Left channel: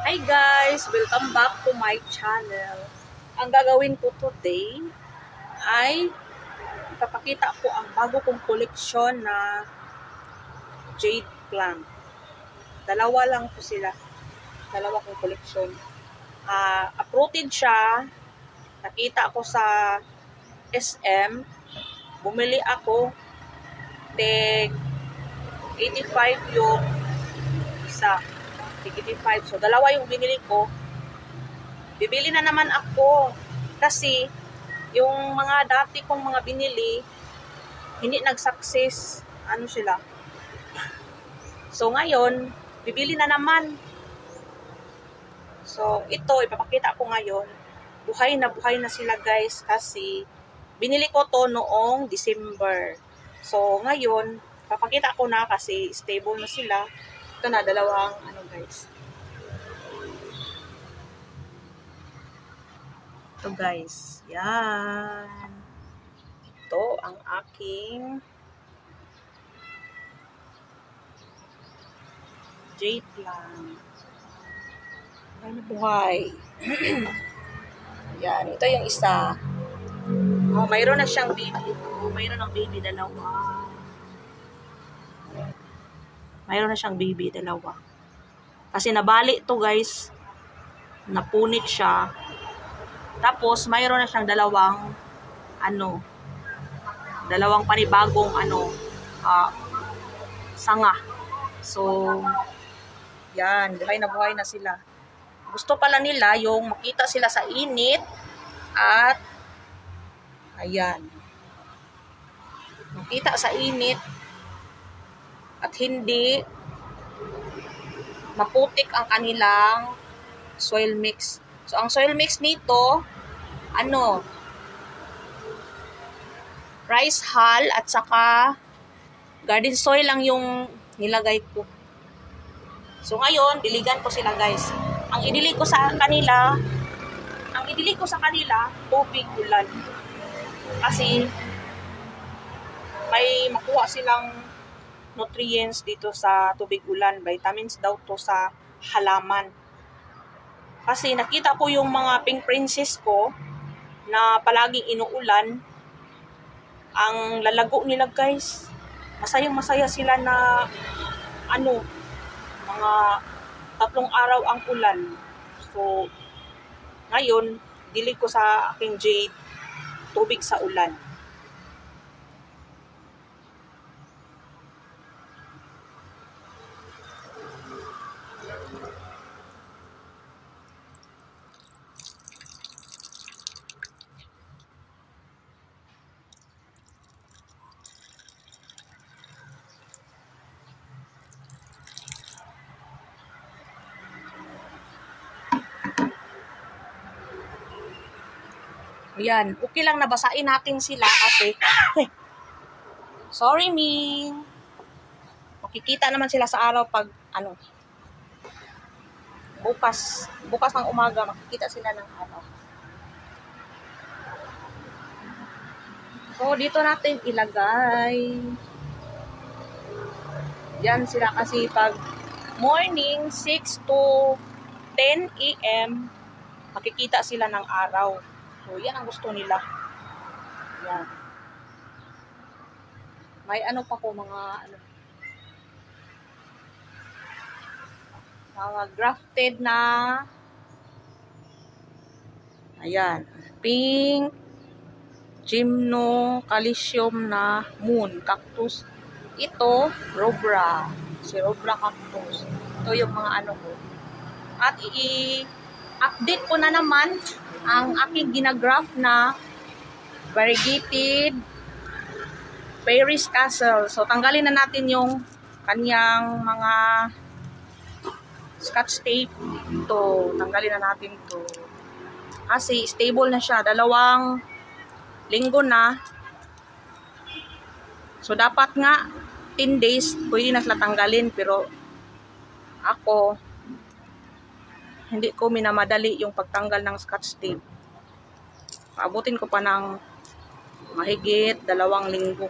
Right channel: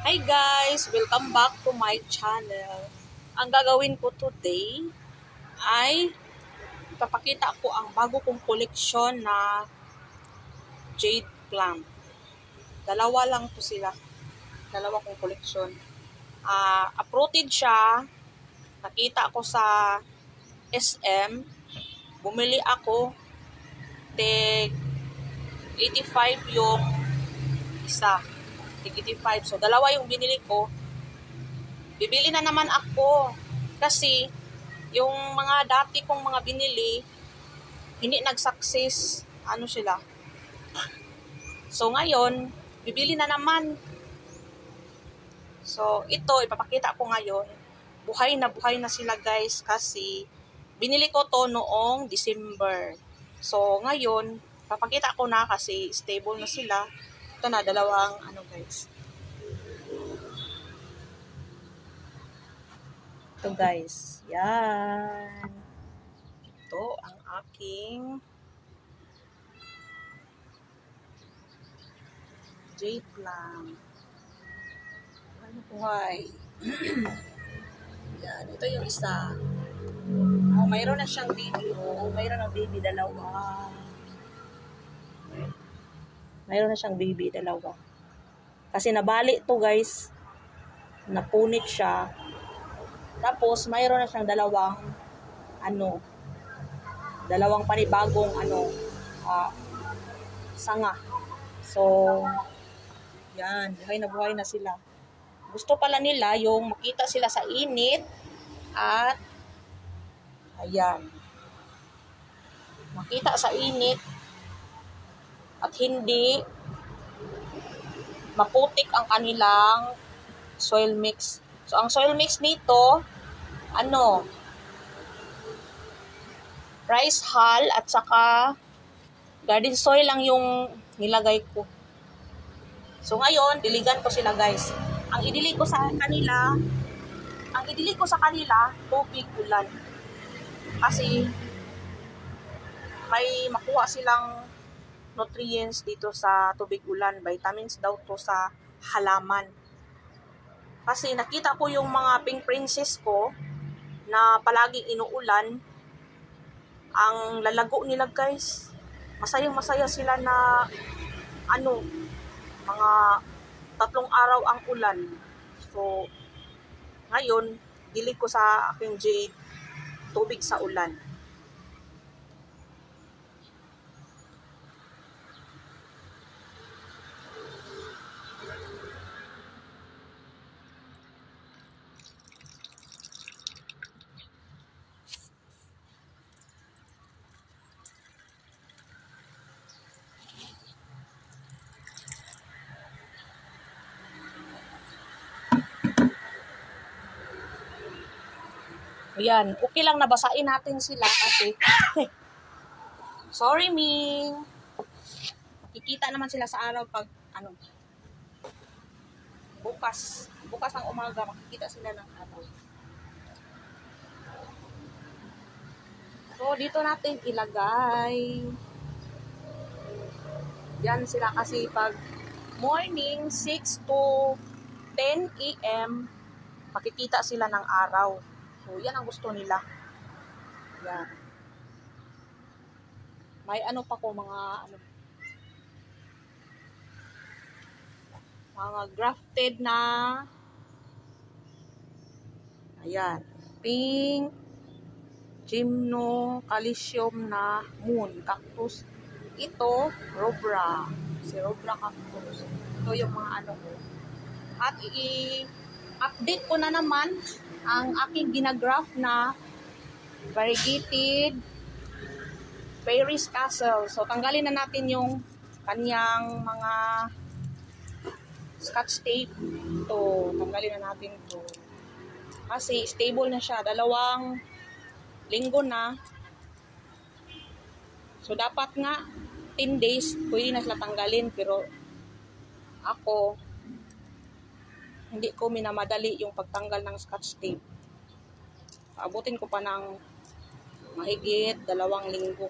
Hi guys! Welcome back to my channel. Ang gagawin ko today ay ipapakita ko ang bago kong koleksyon na jade plant. Dalawa lang po sila. Dalawa kong koleksyon. Uprooted siya. Nakita ko sa SM. Bumili ako. Tig 85 yung isa. Tig 85. So, dalawa yung binili ko. Bibili na naman ako kasi yung mga dati kong mga binili hindi nag-success sila. So ngayon bibili na naman. So ito ipapakita ko ngayon. Buhay na sila guys kasi binili ko to noong December. So ngayon papakita ko na kasi stable na sila. Ito na dalawang guys. Ito guys, yan. Ito ang aking jade plant. Buhay na buhay. Yan, ito yung isa. Oh, mayroon na siyang baby. Oh, mayroon ng baby dalawa. Mayroon na siyang baby dalawa. Kasi nabali to guys. Napunit siya. Tapos, mayroon na siyang dalawang dalawang panibagong sanga. So, yan, buhay na sila. Gusto pala nila yung makita sila sa init at ayan. Makita sa init at hindi maputik ang kanilang soil mix. So, ang soil mix nito, rice hull at saka garden soil lang yung nilagay ko. So, ngayon, diligan ko sila guys. Ang idili ko sa kanila, tubig ulan. Kasi, may makuha silang nutrients dito sa tubig ulan. Vitamins daw to sa halaman. Kasi nakita ko yung mga pink princess ko na palaging inuulan. Ang lalago nila guys. Masayang-masaya sila na mga 3 araw ang ulan. So, ngayon, dili ko sa aking jade tubig sa ulan. Ayan, okay lang nabasain natin sila kasi sorry Ming. Makikita naman sila sa araw pag bukas ng umaga makikita sila ng araw. So dito natin ilagay. Yan sila kasi pag morning 6 to 10 AM makikita sila ng araw. So, yan ang gusto nila. Yan. May pa po mga grafted na ayan. Pink gymno calcium na moon cactus. Ito, robra. Si robra cactus. Ito yung mga ko. At i-update ko na naman ang aking ginagraph na variegated Paris Castle. So, tanggalin na natin yung kanyang mga scotch tape. Ito, tanggalin na natin ito. Kasi stable na siya. 2 linggo na. So, dapat nga 10 days, pwede na sila tanggalin. Pero, ako, hindi ko minamadali yung pagtanggal ng scotch tape. Paabutin ko pa ng mahigit 2 linggo.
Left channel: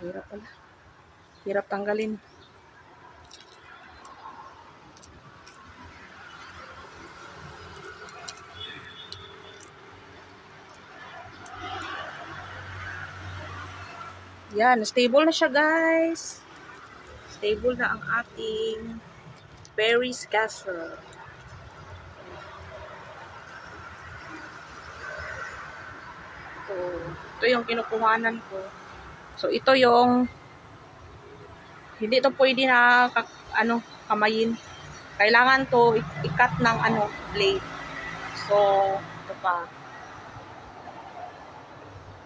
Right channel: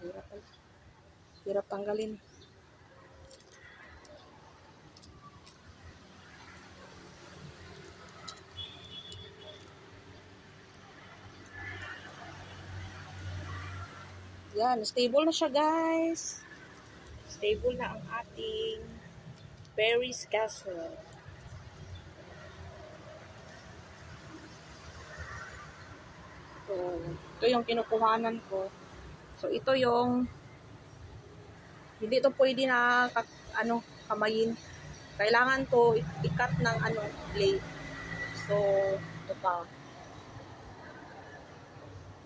Hirap pala. Hirap tanggalin. Yan, stable na siya guys. Stable na ang ating Paris casserole. Ito yung kinukuhanan ko. So, ito yung hindi to pwede na kamayin. Kailangan to i-cut ng blade. So, ito pa.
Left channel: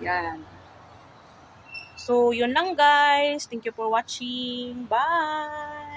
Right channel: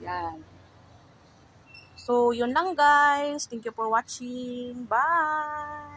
Yan. So, yun lang guys. Thank you for watching. Bye!